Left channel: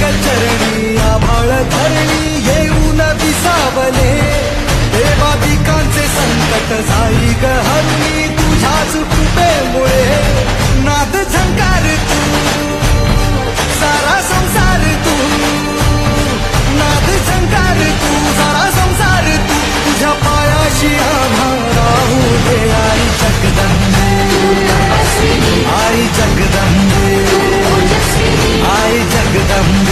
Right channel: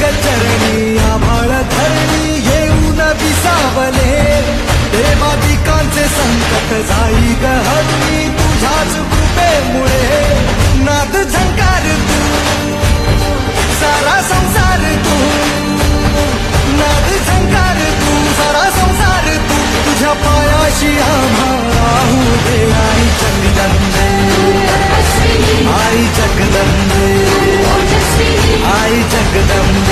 चरणी आभाळ धरणी येऊन विसावले देवादिकांचे संकट जाई ग हरुणी तुझ्याच कृपेमुळे नाद झंकार तू सारा संसार तू नाद झंकार तू सारा संसार तू तुझ्या पायाशी आम्हा राहू दे आई जगदंबे आई जगदंबे आई जगदंबे